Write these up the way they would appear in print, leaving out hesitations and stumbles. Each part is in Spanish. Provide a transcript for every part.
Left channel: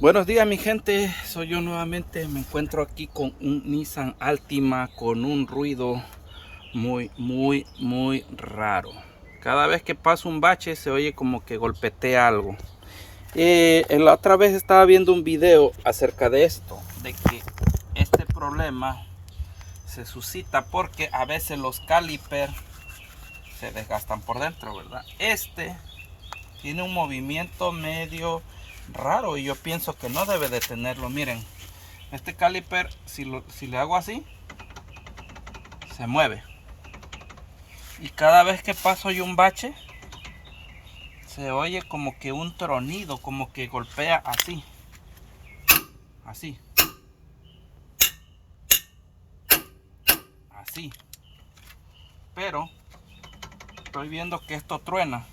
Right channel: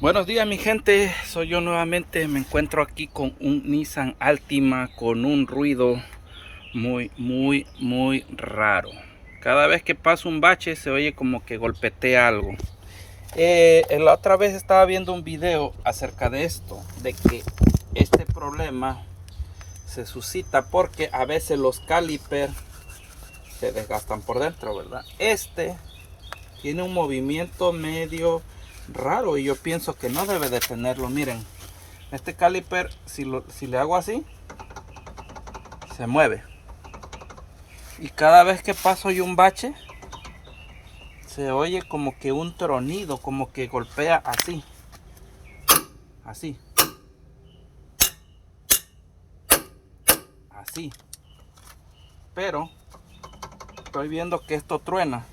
Buenos días mi gente, soy yo nuevamente. Me encuentro aquí con un Nissan Altima con un ruido muy raro. Cada vez que paso un bache se oye como que golpetea algo. La otra vez estaba viendo un video acerca de esto, de que este problema se suscita porque a veces los calipers se desgastan por dentro, ¿verdad? Este tiene un movimiento medio raro y yo pienso que no debe de tenerlo. Miren, este caliper, si le hago así, se mueve, y cada vez que paso yo un bache se oye como que un tronido, como que golpea así, así, así. Pero estoy viendo que esto truena.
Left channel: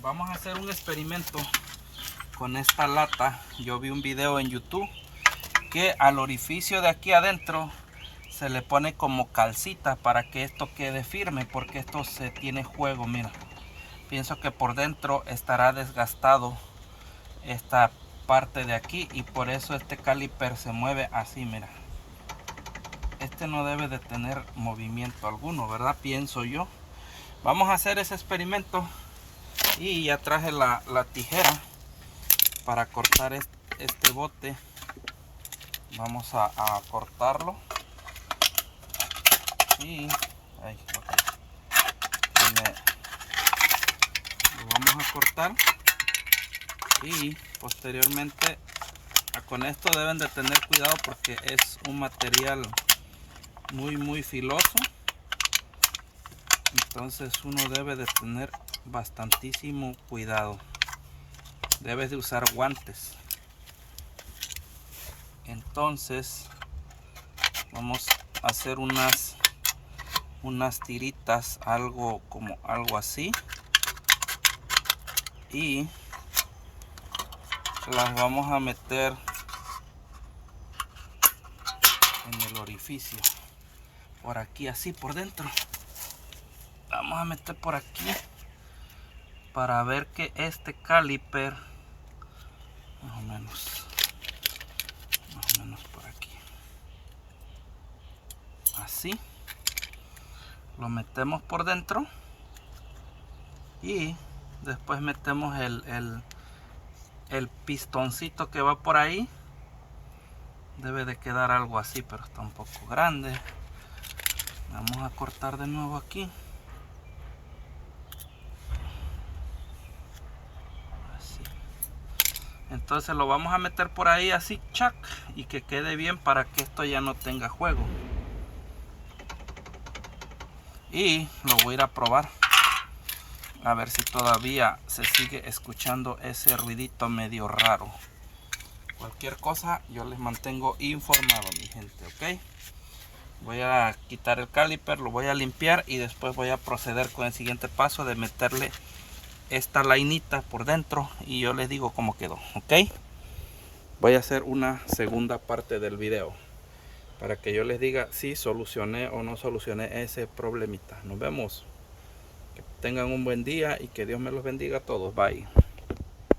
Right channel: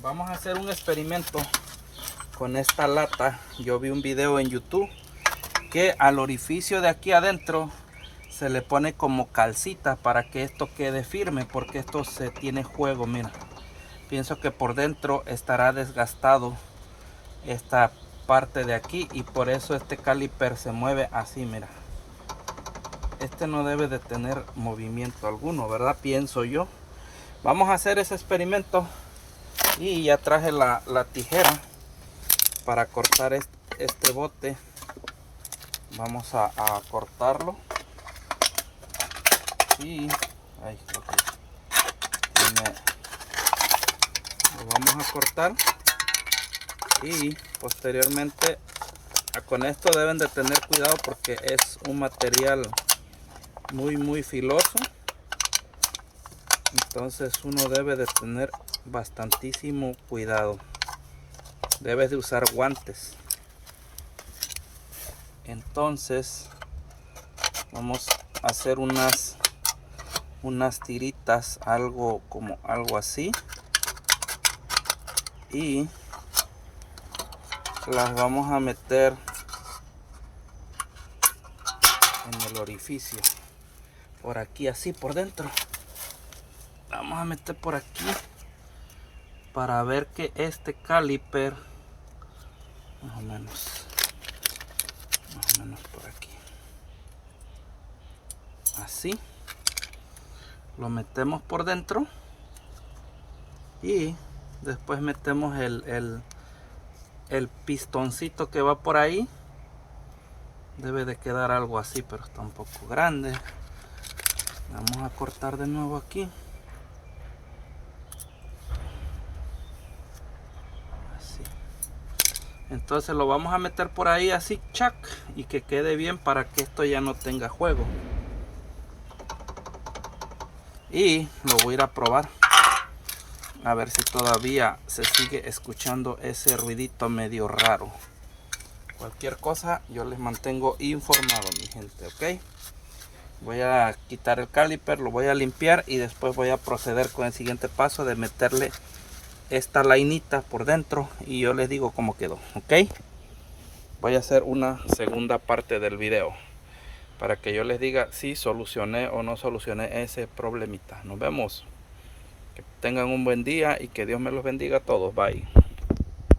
Vamos a hacer un experimento con esta lata. Yo vi un video en YouTube que al orificio de aquí adentro se le pone como calcita para que esto quede firme, porque esto se tiene juego. Mira, pienso que por dentro estará desgastado esta parte de aquí y por eso este caliper se mueve así. Mira, este no debe de tener movimiento alguno, ¿verdad? Pienso yo. Vamos a hacer ese experimento y ya traje la tijera para cortar este bote. Vamos a cortarlo y ahí, lo vamos a cortar, y posteriormente con esto deben de tener cuidado porque es un material muy filoso, entonces uno debe de tener bastantísimo cuidado. Debes de usar guantes. Entonces vamos a hacer unas tiritas, algo así, y las vamos a meter en el orificio por aquí, así por dentro. Vamos a meter por aquí para ver que este caliper más o menos por aquí, así lo metemos por dentro y después metemos el pistoncito que va por ahí. Debe de quedar algo así, pero está un poco grande. Vamos a cortar de nuevo aquí, así. Entonces lo vamos a meter por ahí así, chac, y que quede bien para que esto ya no tenga juego. Y lo voy a ir a probar a ver si todavía se sigue escuchando ese ruidito medio raro. Cualquier cosa yo les mantengo informado, mi gente, ok. Voy a quitar el caliper, lo voy a limpiar y después voy a proceder con el siguiente paso de meterle esta lainita por dentro y yo les digo cómo quedó, ok. Voy a hacer una segunda parte del video para que yo les diga si solucioné o no solucioné ese problemita. Nos vemos. Que tengan un buen día y que Dios me los bendiga a todos. Bye.